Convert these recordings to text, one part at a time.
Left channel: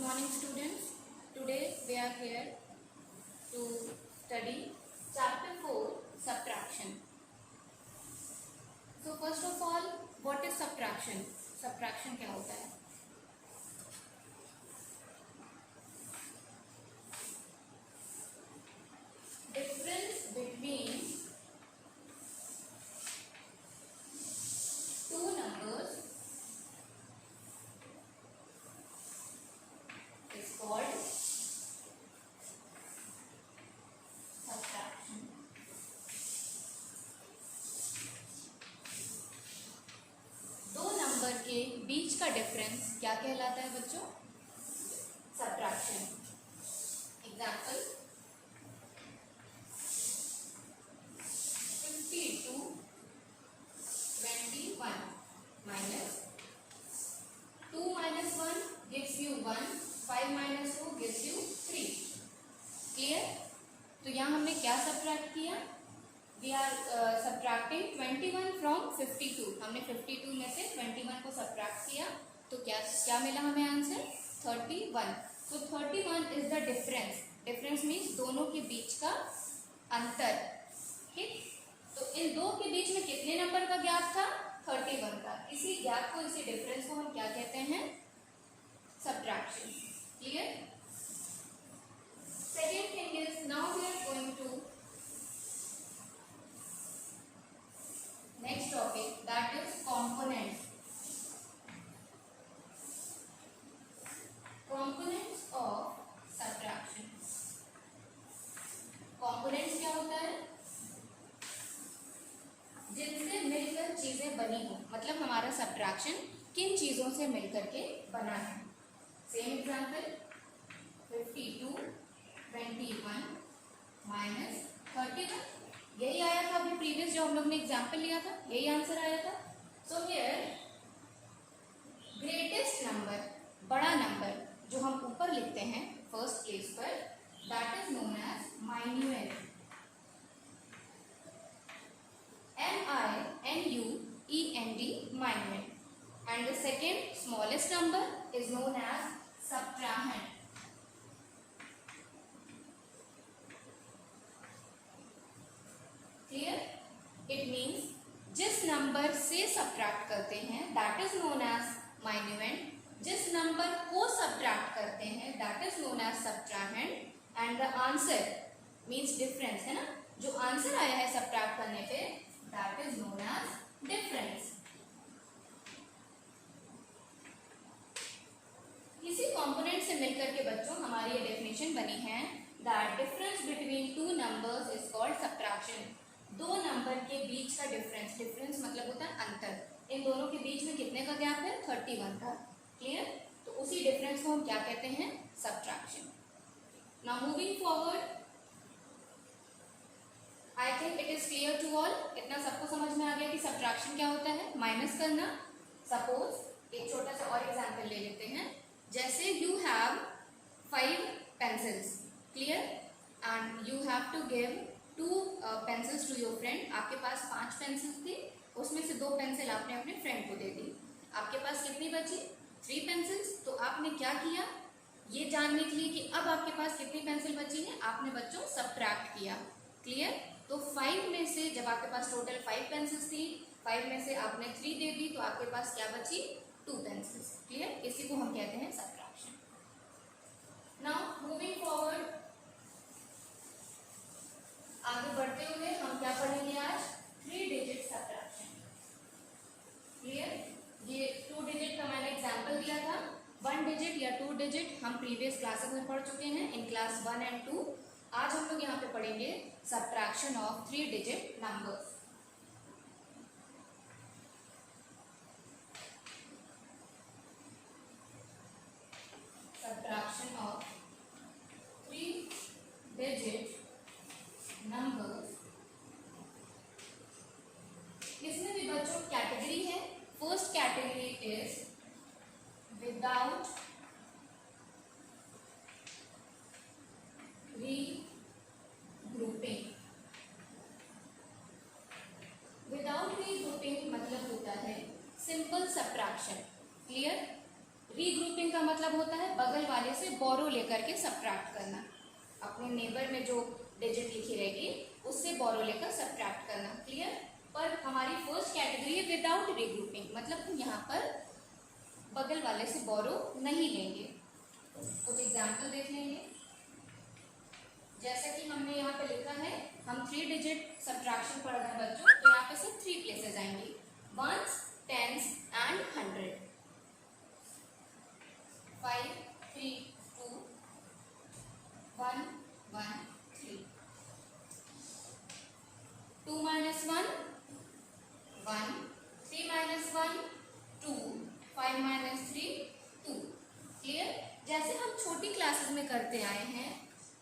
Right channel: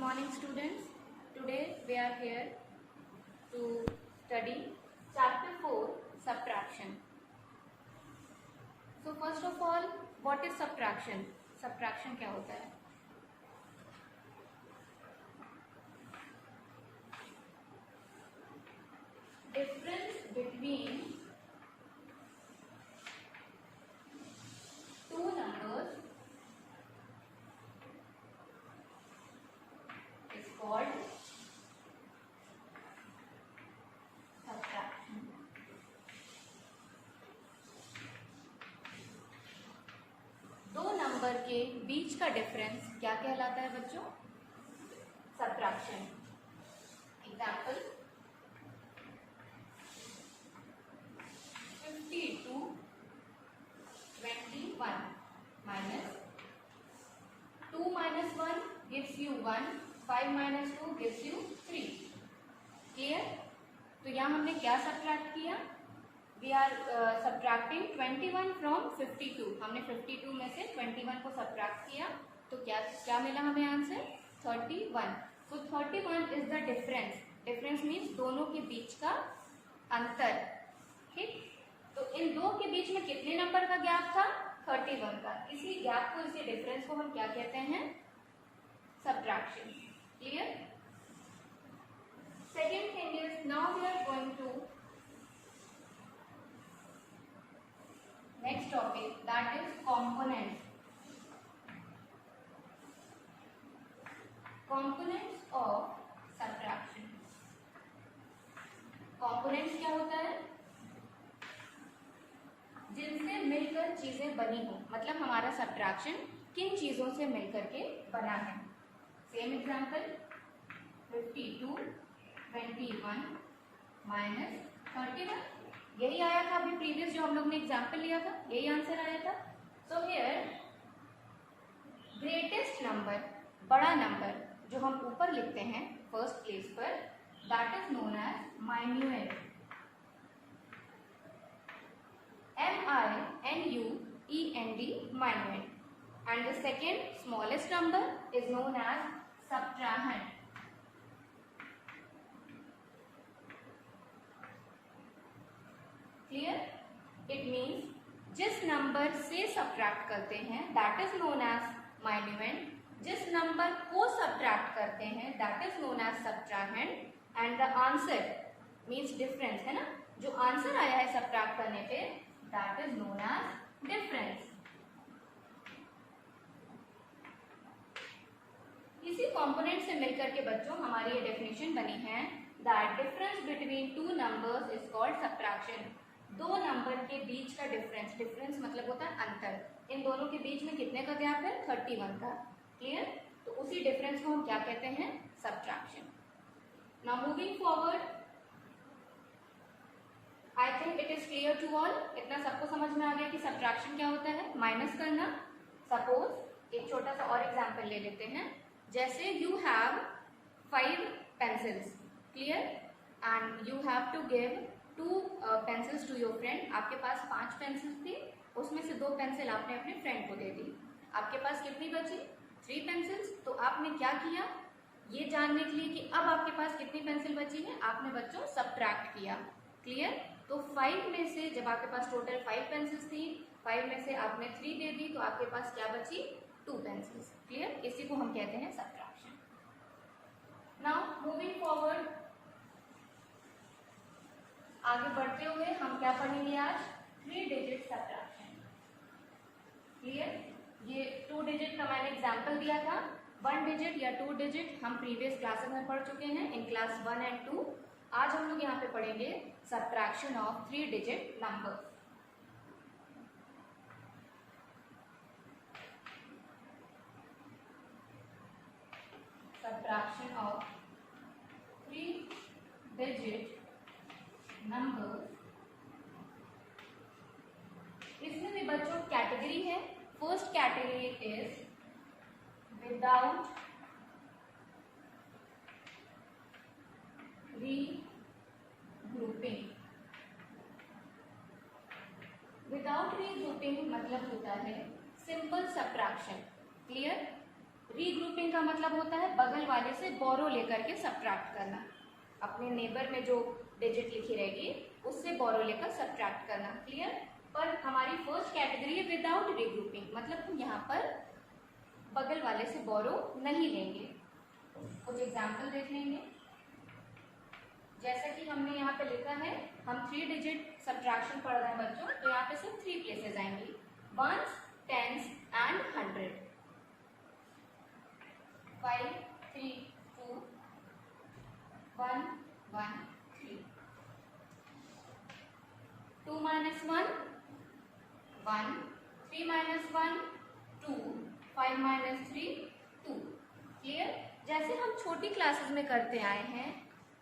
morning students. Today we are here to study chapter 4 subtraction. So first of all, what is subtraction? Subtraction क्या होता है? Difference between two numbers is called subtraction. दो number के बीच का difference क्या कहलाता है बच्चों? Subtraction. Example 52 21 minus 2 minus 1 gives you 1, 5 minus 2 gives you 3. Clear? तो यहाँ हमने क्या सब्ट्रैक्ट किया? We are subtracting 21 from 52. हमने 52 में से 21 को सब्ट्रैक्ट किया तो क्या मिला हमें आंसर? 31. तो 31 is the difference. Difference means दोनों के बीच का अंतर. ठीक, तो इन दो के बीच में कितने नंबर का गैप था? 31 का. इसी गैप को, इसी डिफरेंस को हम क्या कहते हैं? Subtraction. Clear? Second thing is, now we are going to next topic, that is components. Components of subtraction. Components क्या होता है? जिनसे मिलकर चीजें बनी हो. मतलब हमारा सब्ट्रैक्शन किन चीजों से मिलकर के बना है. Same example 52 21 minus 31. यही आया था अभी प्रीवियस जो हम लोग ने एग्जाम्पल लिया था, यही आंसर आया था. सो हियर ग्रेटेस्ट नंबर, बड़ा नंबर जो हम ऊपर लिखते हैं फर्स्ट प्लेस पर, that is known as minuend. MINUEND minuend. And the second smallest number is known as subtrahend. Clear? It means जिस नंबर से सब्ट्रैक्ट करते हैं that is known as minuend. जिस नंबर को सब्ट्रैक्ट करते हैं that is known as subtrahend. And the answer means difference है ना, जो आंसर आया है सब्ट्रैक्ट करने पे that is known age difference. इसी कंपोनेंट से मिलकर के बच्चों हमारी ये डेफिनेशन बनी है that difference between two numbers is called subtraction. दो नंबर के बीच का डिफरेंस, डिफरेंस मतलब होता है अंतर. इन दोनों के बीच में कितने का गैप है? 31 का. क्लियर? तो उसी डिफरेंस को हम क्या कहते हैं? Subtraction. Now moving forward, I think it is clear to all. इतना सबको समझ में आ गया कि सब्ट्रैक्शन क्या होता है? माइनस करना. सपोज एक छोटा सा और एग्जाम्पल ले लेते हैं. जैसे you have 5 pencils. Clear? And you have to give 2 pencils to your friend. आपके पास 5 पेंसिल्स थी, उसमें से 2 पेंसिल आपने अपने फ्रेंड को दे दी. आपके पास कितनी बची? 3 पेंसिल्स. तो आपने क्या किया? ये जानने के लिए कि अब आपके पास कितनी पेंसिल बची है, आपने बच्चों सब्ट्रैक्ट किया. क्लियर? तो 5 में से जब आपके पास टोटल 5 पेंसिल्स थी, 5 में से आपने 3 दे दी तो आपके पास क्या बची? 2 पेंसिल्स. क्लियर? इसी को हम कहते हैं सब्ट्रैक्शन. नाउ मूविंग फॉरवर्ड, आगे बढ़ते हुए हम क्या पढ़ेंगे आज? 3 डिजिट सब्ट्रैक्शन. क्लियर? ये 2 डिजिट का मैंने एग्जांपल दिया था. 1 डिजिट या 2 डिजिट हम प्रीवियस क्लासेस में पढ़ चुके हैं इन क्लास 1 एंड 2. आज हम लोग यहाँ पे पढ़ेंगे subtraction of 3 digit numbers. Subtraction of 3 digit numbers. इसमें भी बच्चों कैटेगरी है. First category is without regrouping. Without regrouping मतलब होता है सिंपल सब्ट्रैक्शन. क्लियर? रीग्रुपिंग का मतलब होता है बगल वाले से बोरो लेकर के सब्ट्रैक्ट करना। अपने नेबर में जो डिजिट लिखी रहेगी उससे बोरो लेकर सब्ट्रैक्ट करना। क्लियर? पर हमारी फर्स्ट कैटेगरी है विदाउट रीग्रुपिंग, मतलब हम यहाँ पर बगल वाले से बोरो नहीं लेंगे। कुछ एग्जाम्पल देख लेंगे। जैसा कि हमने यहाँ पे लिखा है, हम 3 डिजिट सब्ट्रैक्शन पढ़ रहे हैं बच्चों, तो यहाँ पे सिर्फ 3 प्लेसेस आएंगी, once, tense and 100। 5 3 2 1 1 3। 2 minus 1 1, 3 minus 1 2, 5 minus 3 2। Clear? जैसे हम छोटी क्लासेस में करते आए हैं,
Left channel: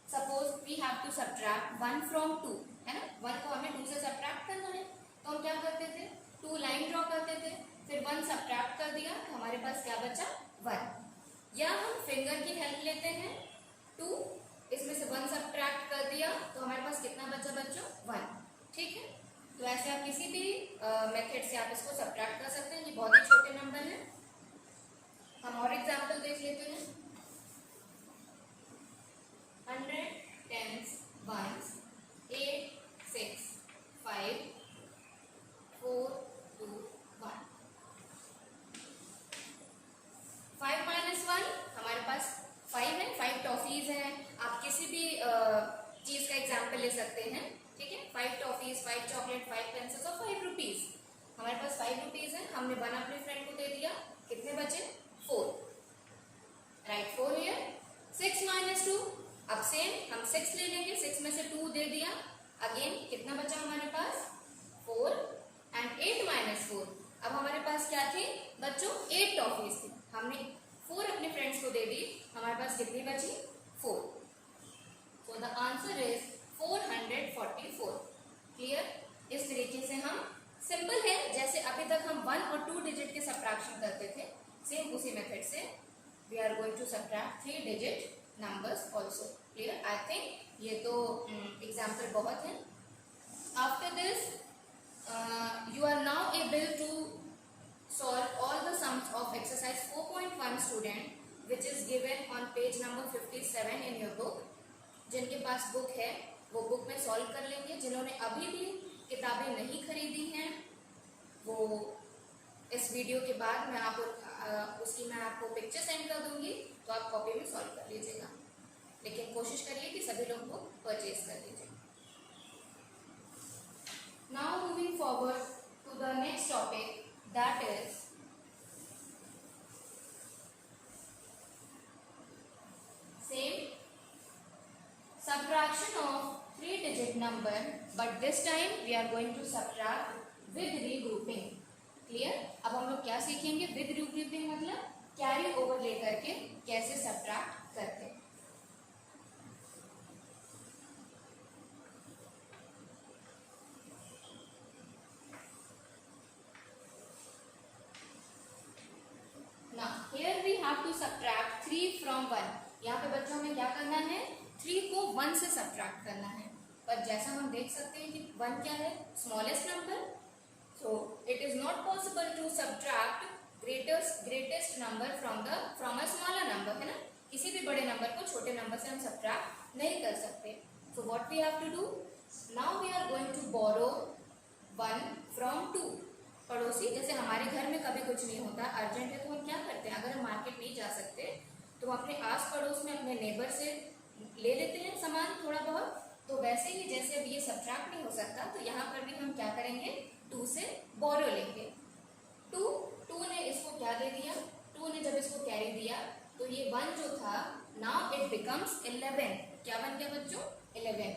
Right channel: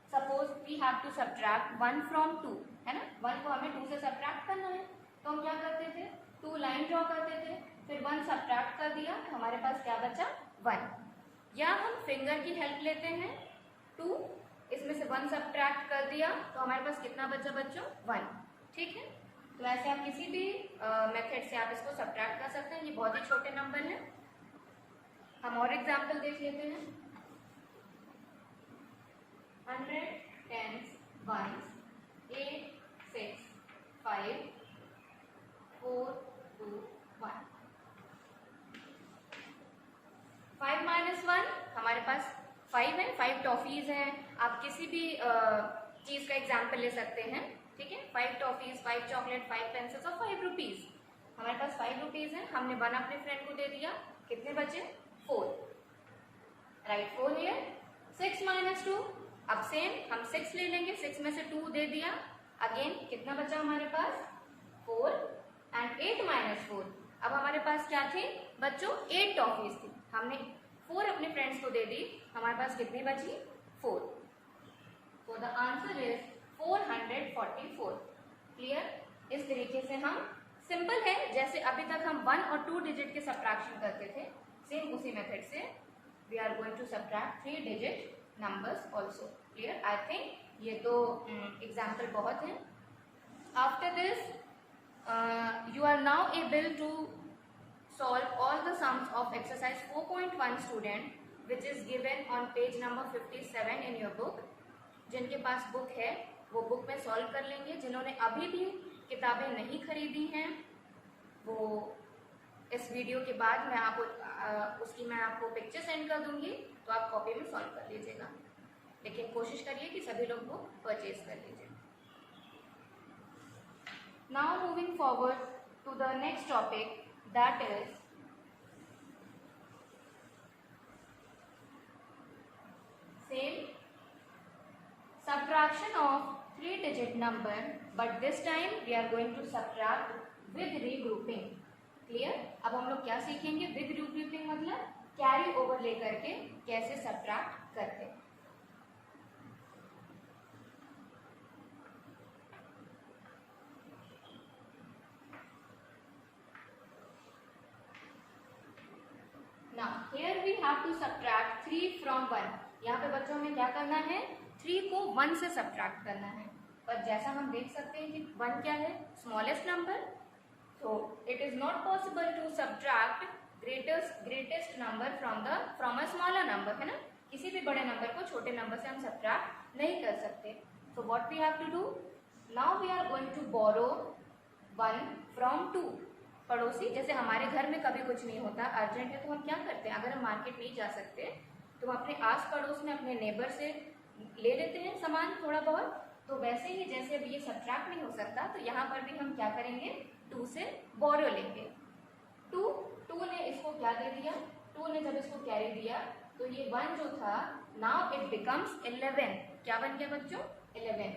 suppose we have to subtract 1 from 2, है ना। 1 को हमें 2 से सब्ट्रैक्ट करना है, तो हम क्या करते थे, 2 लाइन ड्रॉ करते थे, फिर 1 सब्ट्रैक्ट कर दिया तो हमारे पास क्या बचा, 1। या हम फिंगर की हेल्प लेते हैं, 2 इसमें से 1 सब्ट्रैक्ट कर दिया तो हमारे पास कितना बचा बच्चों, 1। ठीक है, तो ऐसे आप किसी भी मेथड से आप इसको सब्ट्रैक्ट कर सकते हैं। ये बहुत ही छोटे नंबर हैं। हम और एग्जाम्पल देख लेते हैं। 100 टेंस वंस, 8 6 5 4 2 1। 5 minus 1 हमारे पास 5 है, 5 टॉफीज हैं। आप किसी भी चीज़ का एग्जाम्पल ले सकते हैं। ठीक है, 5 टॉफीज, 5 चॉकलेट, 5 पेंसिल्स और 5 रुपीज़। हमारे पास 5 रुपीज़ है, हमने 1 अपने फ्रेंड को दे दिया, कितने बचे, 4। Right 4 here. 6 minus 2, अब सेम हम 6 ले लेंगे, 6 में से 2 दे दिया, अगेन कितना बचा हमारे पास, 4। एंड 8 minus 4, अब हमारे पास क्या थी बच्चों, 8 टॉफीज थी, हमने 4 अपने फ्रेंड्स को दे दी, हमारे पास कितनी बची, 4। So the answer is 444। Clear? इस तरीके से हम, सिंपल है, जैसे अभी तक हम 1 और 2 डिजिट के सब्ट्रैक्शन करते थे, सेम उसी मेथड से we are going to subtract 3 digit numbers also. Clear? I think ये तो एग्जाम्पल बहुत है। After this you are now able to solve all the sums of exercise 4.1 student, which is given on page number 57 in your book. जिनके पास book है वो book में solve कर लेंगे। जिन्होंने अभी भी किताबें नहीं खरीदी हैं वो इस वीडियो के बाद मैं आपको पिक्चर सेंड कर दूंगी, तो आप कॉपी में सॉल्व कर लीजिएगा। लेकिन कोशिश करिए कि सभी लोग बुक परचेज कर लीजिए। Now moving forward to the next topic, that is same subtraction of 3-digit number, but this time we are going to subtract with regrouping. Clear? अब हम लोग क्या सीखेंगे, with regrouping मतलब कैरी ओवर लेकर के कैसे सब्ट्रैक्ट करते हैं। Now here we have to subtract 3 from 1. यहाँ पे बच्चों में क्या करना है, 3 को 1 से सब्ट्रैक्ट करना है। पर जैसा हम देख सकते हैं कि 1 क्या है, smallest number, so it is not possible to subtract greatest number from a smaller number, है ना। किसी भी बड़े नंबर को छोटे नंबर से हम सब्ट्रैक्ट नहीं कर सकते। So what we have to do, now we are going to borrow 1 from 2। पड़ोसी, जैसे हमारे घर में कभी कुछ नहीं होता, अर्जेंट है, तो हम क्या करते हैं, अगर हम मार्केट नहीं जा सकते तो हम अपने आस पड़ोस में अपने नेबर से ले लेते हैं सामान थोड़ा बहुत। तो वैसे ही जैसे अब ये सब्ट्रैक्ट नहीं हो सकता, तो यहाँ पर भी हम क्या करेंगे, 2 से बोरो लेंगे। 2 ने इसको क्या दे दिया, 2 ने जब इसको कैरी दिया तो ये 1 जो था, नाउ इट बिकम्स 11। क्या बन गया बच्चों, 11।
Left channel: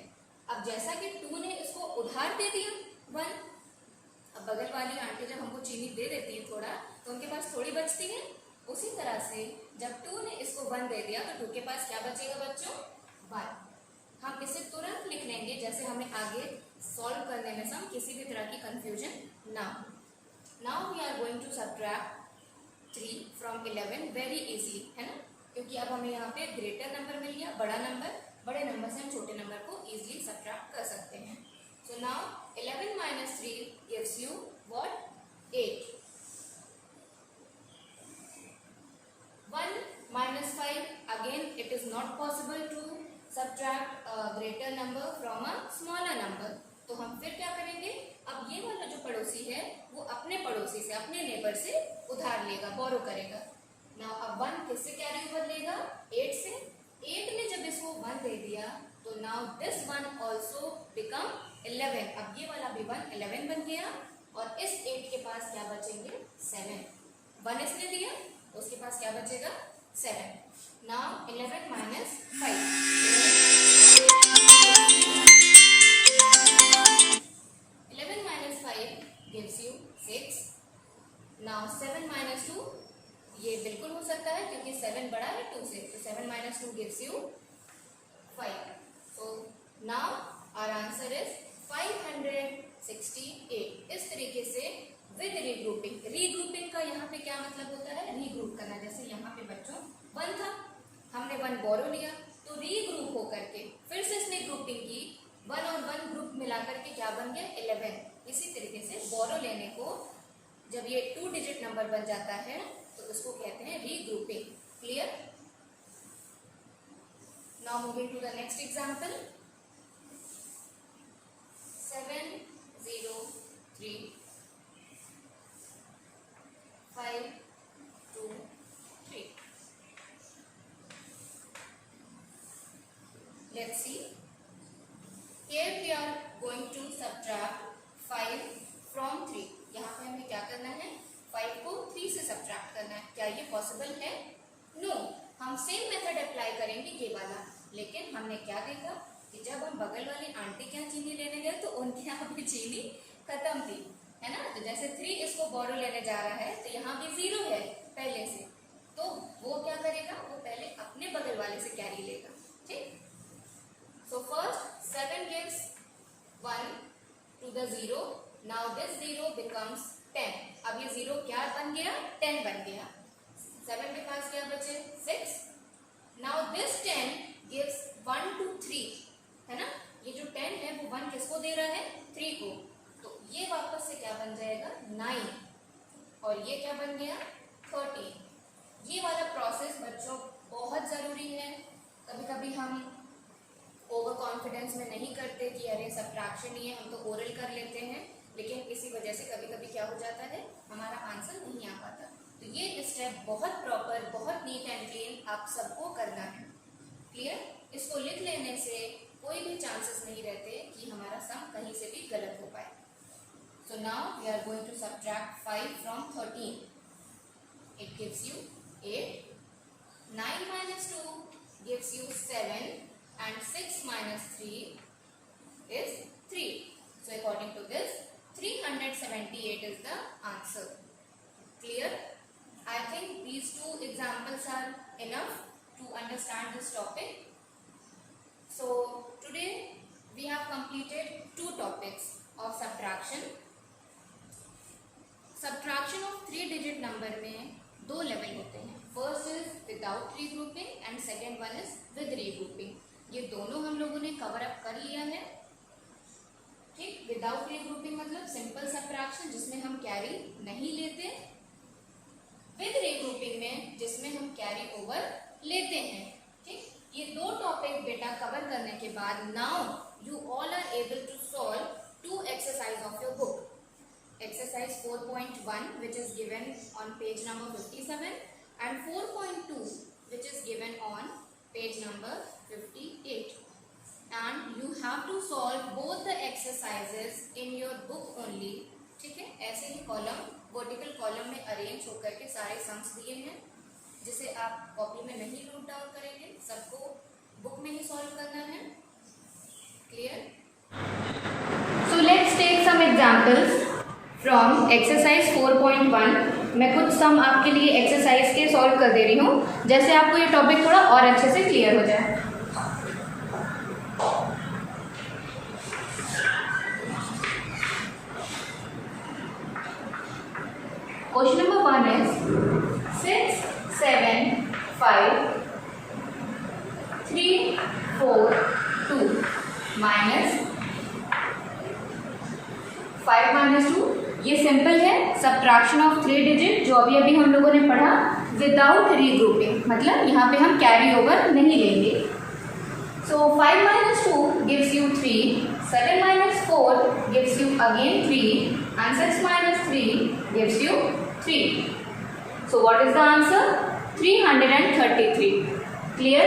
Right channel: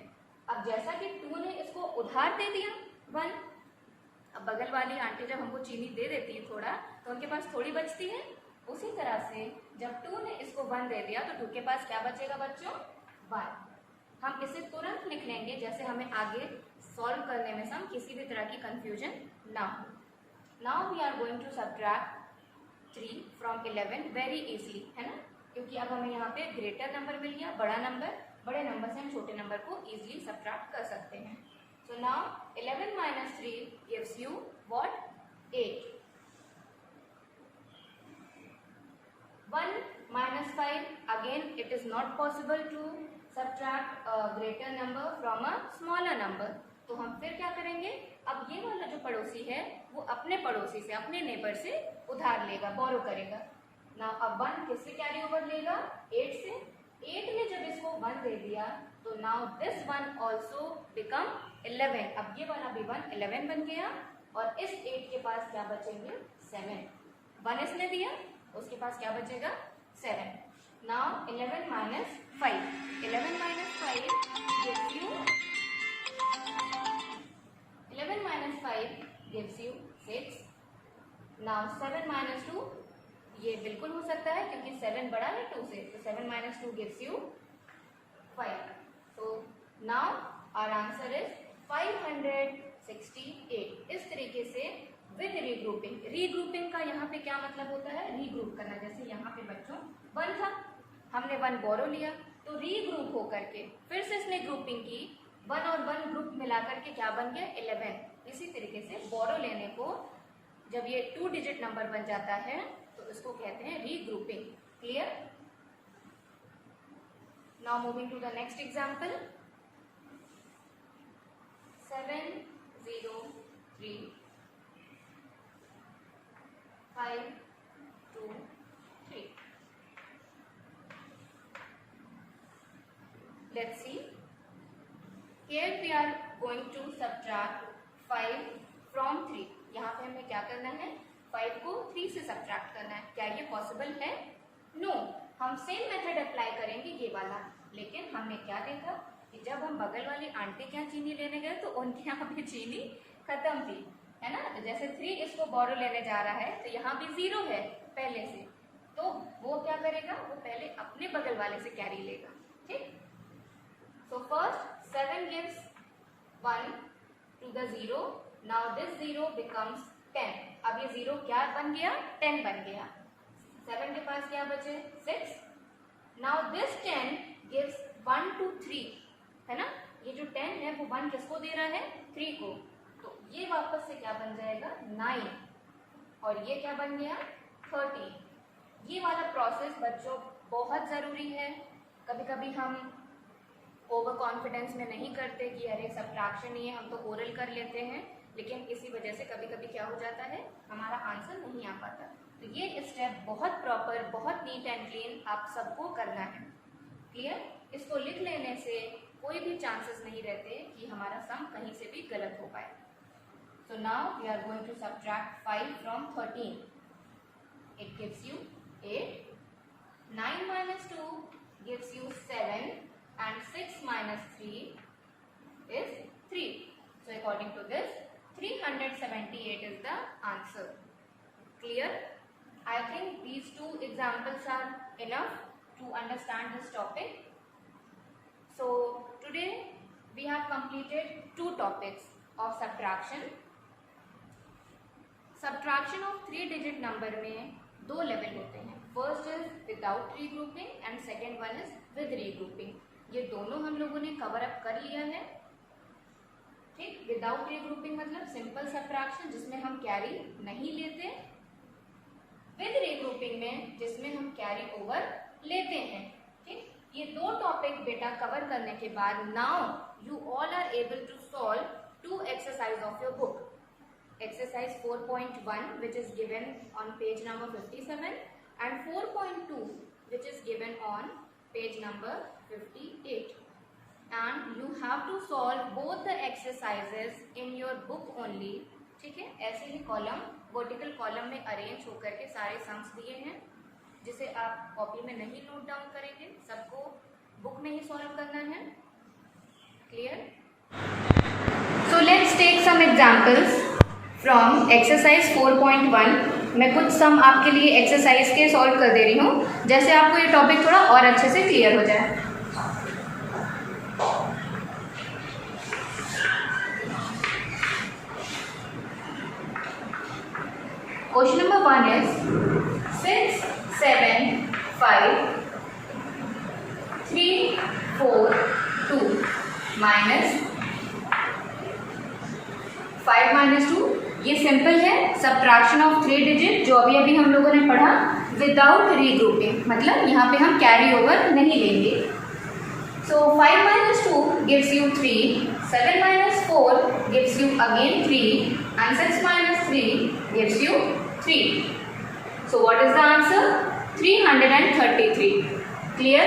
अब जैसा कि 2 ने इसको उधार दे दिया 1, अब बगल वाली आंटी जब हमको चीनी दे देती है थोड़ा, तो उनके पास थोड़ी बचती है। उसी तरह से जब 2 ने इसको 1 दे दिया तो 2 के पास क्या बचेगा बच्चों, 1। हम इसे तुरंत लिख लेंगे, जैसे हमें आगे सॉल्व करने में हम किसी भी तरह की कंफ्यूजन ना हो। Now we are going to subtract 3 from 11 very easily, है ना, क्योंकि अब हमें यहाँ पे ग्रेटर नंबर मिल गया, बड़ा नंबर, बड़े नंबर से हम छोटे नंबर को इजीली सब्ट्रैक्ट कर सकते हैं। So now 11 minus 3 gives you what, 8. 1 -5, again it is not possible to subtract a greater number from a smaller number. तो हम फिर क्या करेंगे, अब ये वाला जो पड़ोसी है वो अपने पड़ोसी से, अपने नेबर से उधार लेगा, बोरो करेगा. नाउ अब 1 किससे कैरी ओवर लेगा, 8 से. 8 ने जब इसको 1 दे दिया तो नाउ दिस 1 ऑल्सो बिकम 11. अब ये वाला भी 1 11 बन गया और इस 8 के पास क्या बचेंगे, 7. 1 इसने दिया, उसके पास क्या बचेगा, 7. Now 11 minus 5. 11 minus 5 gives you 6. Now 7 minus 2, ये बिल्कुल हो सकता है क्योंकि 7 बड़ा है 2 से, तो 7 minus 2 gives you 5. So now our answer is 568. इस तरीके से विद रीग्रुपिंग. रीग्रुपिंग का यहाँ पे क्या मतलब होता है, रीग्रुप करना. जैसे यहाँ पे बच्चों 1 था, हमने 1 बोरो लिया तो रीग्रुप होकर के फिर से इसने ग्रुपिंग की, 1 और 1 ग्रुप मिलाकर के क्या बन गया, 11. इसी तरीके से बोरो लेने को जब ये 2 डिजिट नंबर बन जाता है तो इसको कहते हैं regrouping. Clear? Now moving to the next example. 7 0 3 5 2 3. Let's see. Here we are going to subtract 5 from 3. यहाँ पे हमें क्या करना है, 5 को 3 से सब्ट्रैक्ट करना है. क्या ये पॉसिबल है? नो. हम सेम मेथड अप्लाई करेंगे ये वाला, लेकिन हमने क्या देखा कि जब हम बगल वाली आंटी के यहाँ चीनी लेने गए तो उनके यहाँ भी चीनी खत्म थी, है ना. तो जैसे 3 इसको बोरो लेने जा रहा है तो यहाँ भी 0 है पहले से, तो वो क्या करेगा, वो पहले अपने बगल वाले से कैरी लेगा. ठीक. So first 7 gives 1 to the 0. Now this 0 becomes 10. अब ये 0 क्या बन गया, 10 बन गया. 7 के पास क्या बचे, 6. Now this 10 gives 1 to 3, है ना. ये जो 10 है वो 1 किसको दे रहा है, 3 को. तो ये वापस से क्या बन जाएगा, 9. और ये क्या बन गया, 13. ये वाला प्रोसेस बच्चों बहुत ज़रूरी है. कभी कभी हम ओवर कॉन्फिडेंस में नहीं करते कि अरे सब्ट्रैक्शन ही है, हम तो ओरल कर लेते हैं, लेकिन इसी वजह से कभी कभी क्या हो जाता है, हमारा आंसर नहीं आ पाता. तो ये स्टेप बहुत प्रॉपर, बहुत नीट एंड क्लीन आप सबको करना है. क्लियर? इसको लिख लेने से कोई भी चांसेस नहीं रहते कि हमारा सम कहीं से भी गलत हो पाए. So now we are going to subtract 5 from 13. It gives you 8. 9 minus 2 gives you 7. And 6 minus 3 is 3. So according to this, 378 is the answer. Clear? I think these 2 examples are enough to understand this topic. So today we have completed 2 topics of subtraction. Subtraction of 3-digit number में 2 level होते हैं. First is without regrouping and second one is with regrouping. ये दोनों हम लोगों ने cover up कर लिया है. ठीक. विदाउट रीग्रुपिंग मतलब सिंपल सब्ट्रैक्शन जिसमें हम कैरी नहीं लेते. विद रीग्रुपिंग में जिसमें हम कैरी ओवर लेते हैं. ठीक. ये 2 टॉपिक बेटा कवर करने के बाद now you all are able to solve 2 exercise of your book. Exercise 4.1 which is given on page number 57 and 4.2 which is given on page number 58. And you have to solve both the exercises in your book only. ठीक है. ऐसे ही column, vertical column में arrange होकर के सारे sums दिए हैं जिसे आप कॉपी में नहीं नोट डाउन करेंगे, सबको बुक में ही सॉल्व करना है. Clear? So let's take some examples from exercise 4.1. मैं कुछ सम आपके लिए एक्सरसाइज के सॉल्व कर दे रही हूँ, जैसे आपको ये टॉपिक थोड़ा और अच्छे से क्लियर हो जाए. Question number 1 is 6 7 5 3 4 2 minus 5 minus 2. ये सिंपल है, सब्ट्रैक्शन ऑफ 3 डिजिट जो अभी अभी हम लोगों ने पढ़ा. विदाउट रीग्रुपिंग, मतलब यहाँ पे हम कैरी ओवर नहीं लेंगे. So 5 minus 2 gives you 3, 7 minus 4 gives you again 3, and 6 minus 3 gives you 3. So what is the answer? 333. Clear?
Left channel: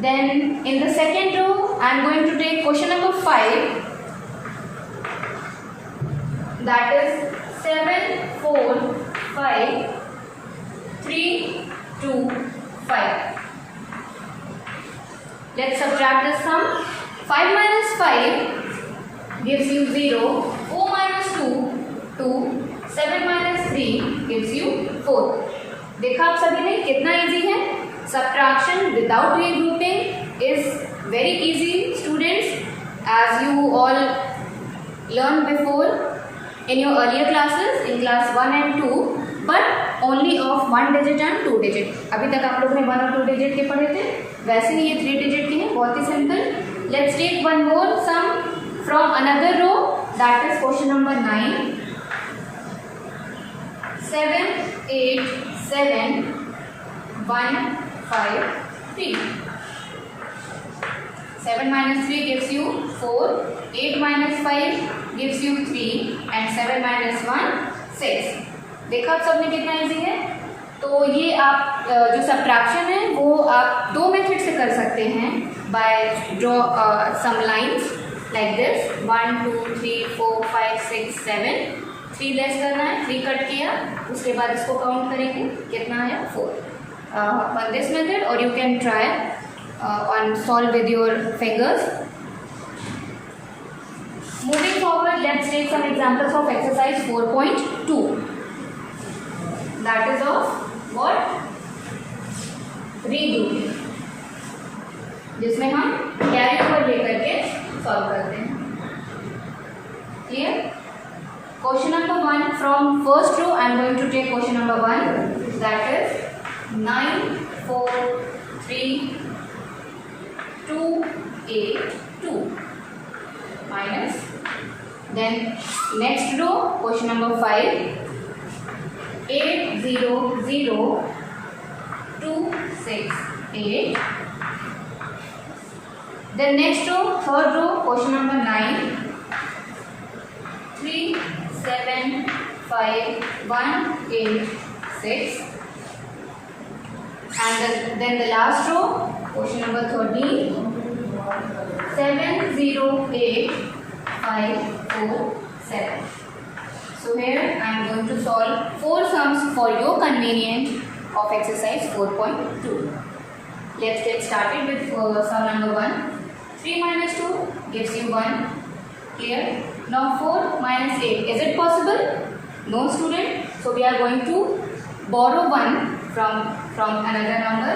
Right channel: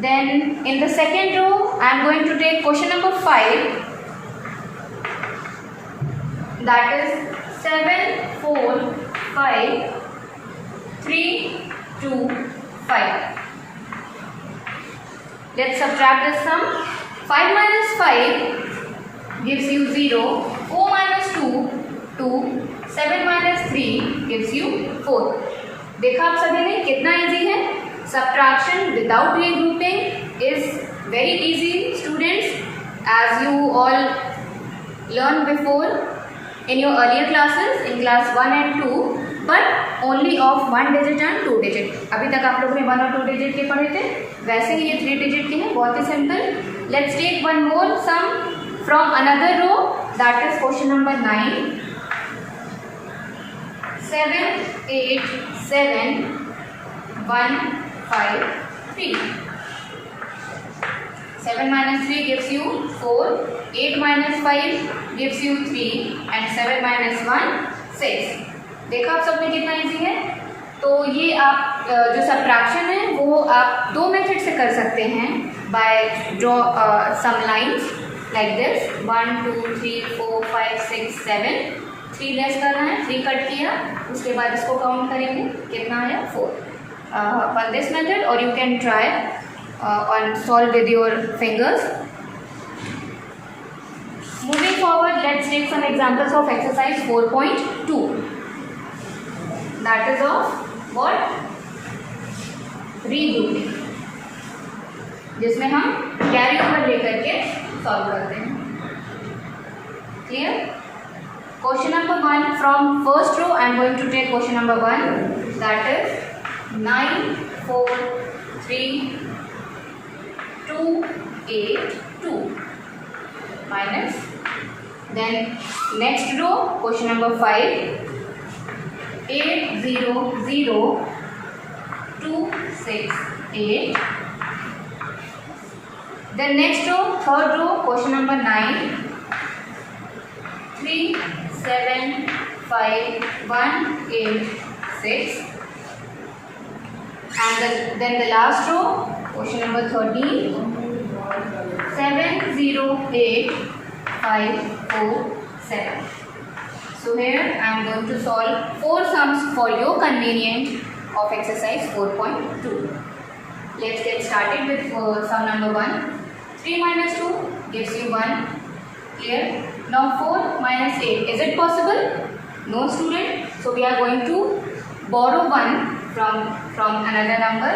Then in the second row I am going to take question number 5, that is 7, 4, 5, 3, 2, 5. Let's subtract this sum. 5 minus 5 gives you 0, 4 minus 2, 2, 7 minus 3 gives you 4. देखा आप सभी ने कितना easy है. Subtraction without regrouping is very easy, students, as you all learned before in your earlier classes in class 1 and 2, but only of 1 digit and 2 digit. अभी तक आप लोगों ने 1 और 2 digit के पढ़े थे, वैसे ही ये 3 digit के हैं, बहुत ही simple. Let's take one more sum from another row, that is question number 9. 7, 8, 7, 1, 5, 3. 7 minus 3 gives you 4, 8 minus 5 gives you 3, and 7 minus 1, 6. देखा आप सबने कितना इजी है. तो ये आप जो सब्ट्रैक्शन है वो आप दो मेथड से कर सकते हैं. By draw some lines like this, 1, 2, 3, 4, 5, 6, 7. 3 less करना है, 3 कट किया, उसके बाद इसको काउंट करेंगे, कितना आया 4. On this method, or you can try on solve with your fingers. Moving forward, let's take some examples of exercise 4.2. That is of what? Regrouping, जिसमें हम कैरी ओवर लेकर के सॉल्व करते हैं. Clear? Question number 1 from first row. I am going to take question number 1. That is 9, 4, 3, 2, 8, 2 minus. Then next row, question number 5. 8, 0, 0, 2, 6, 8. Then next row, third row, question number 9. 3, 7, 5, 1, 8, 6. And then the last row, question number 13. 7, 0, 8, 5, 4, 7. So here I am going to solve 4 sums for your convenience of exercise 4.2. Let's get started with sum number 1. 3 minus 2 gives you 1. Clear? Now 4 minus 8. Is it possible? No, student. So we are going to borrow 1 from another number.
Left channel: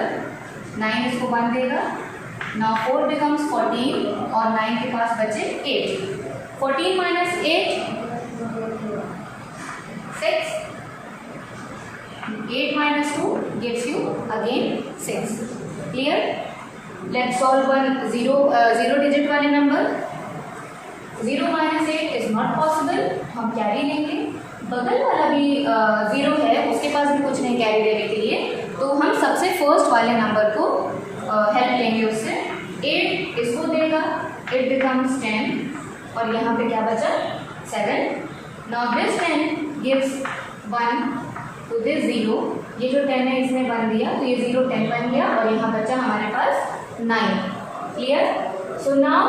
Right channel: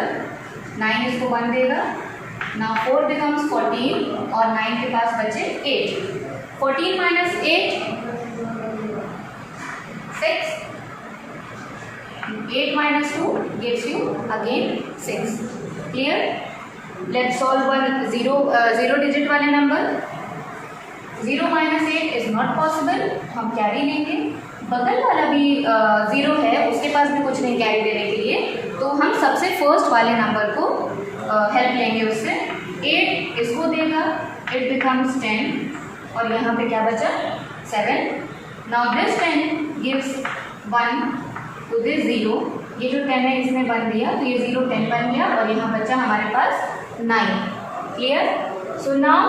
9 इसको 1 देगा. Now 4 becomes 14 और 9 के पास बचे 8. 14 minus 8. 6. 8 minus 2 gives you again 6. Clear? Let's solve one zero digit वाले number. 0 minus 8 is not possible. हम carry लेंगे. बगल वाला भी 0 है, उसके पास भी कुछ नहीं कैरी देने के लिए, तो हम सबसे फर्स्ट वाले नंबर को हेल्प लेंगे उससे. 8 इसको देगा, it becomes 10 और यहाँ पे क्या बचा 7. Now this 10 gives 1 to this 0. ये जो 10 है इसने 1 दिया, तो ये 0 10 बन गया और यहाँ बचा हमारे पास 9. Clear? So now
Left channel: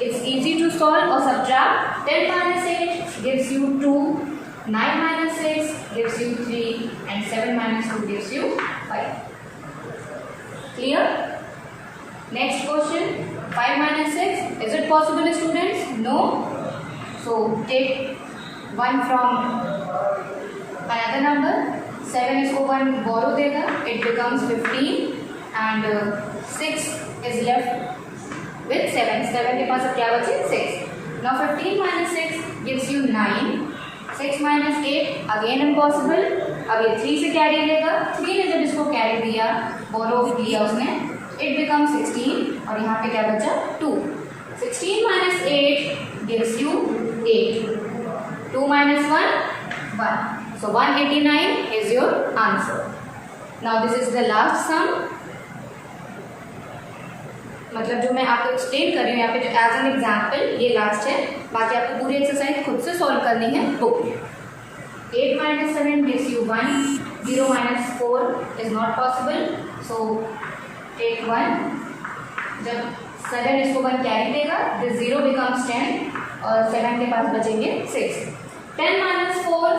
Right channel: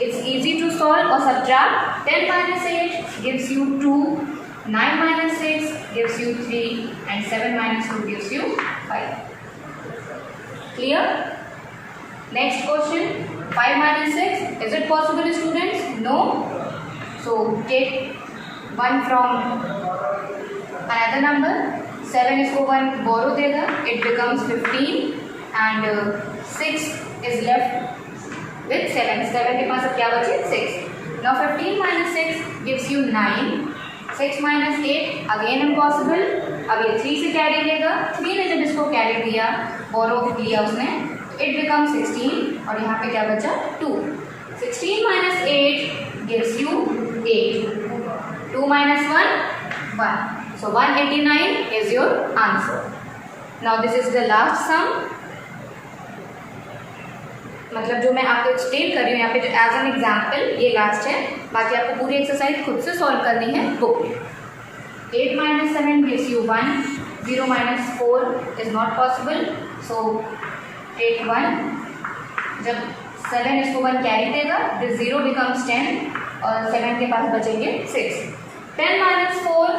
it's easy to solve or subtract. 10 minus 8 gives you 2, 9 minus 6 gives you 3, and 7 minus 2 gives you 5. Clear? Next question, 5 minus 6. Is it possible, students? No. So take 1 from another number. 7 इसको 1 borrow देगा, it becomes 15, and 6 is left with 7. 7 के पास अब क्या बचे 6. Now 15 minus 6 gives you 9. 6 minus 8 again impossible. अब ये 3 से carry लेगा. 3 ने जब इसको कैरी दिया, borrow लिया उसने, it becomes 16 और यहाँ पे क्या बचा 2. 16 minus 8 gives you 8. 2 minus 1 1. So 189 is your answer. Now this is the last sum. मतलब जो मैं आपको एक्सप्लेन कर रही हूँ यहाँ पे एज एन एग्जाम्पल ये लास्ट है, बाकी आपको पूरी एक्सरसाइज खुद से सॉल्व करनी है बुक में. 8 minus 7 gives you 1. 0 minus 4 is not possible. So take 1. जब 7 इसको 1 कैरी देगा, this 0 becomes 10 और 7 के पास बचेंगे 6. 10 minus 4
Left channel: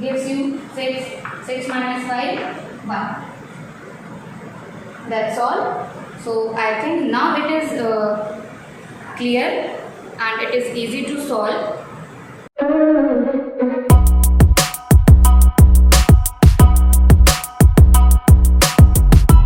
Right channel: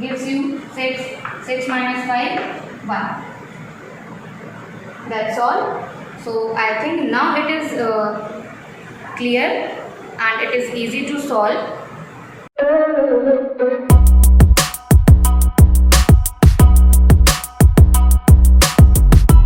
gives you 6. 6 minus 5 1. That's all. So I think now it is clear and it is easy to solve.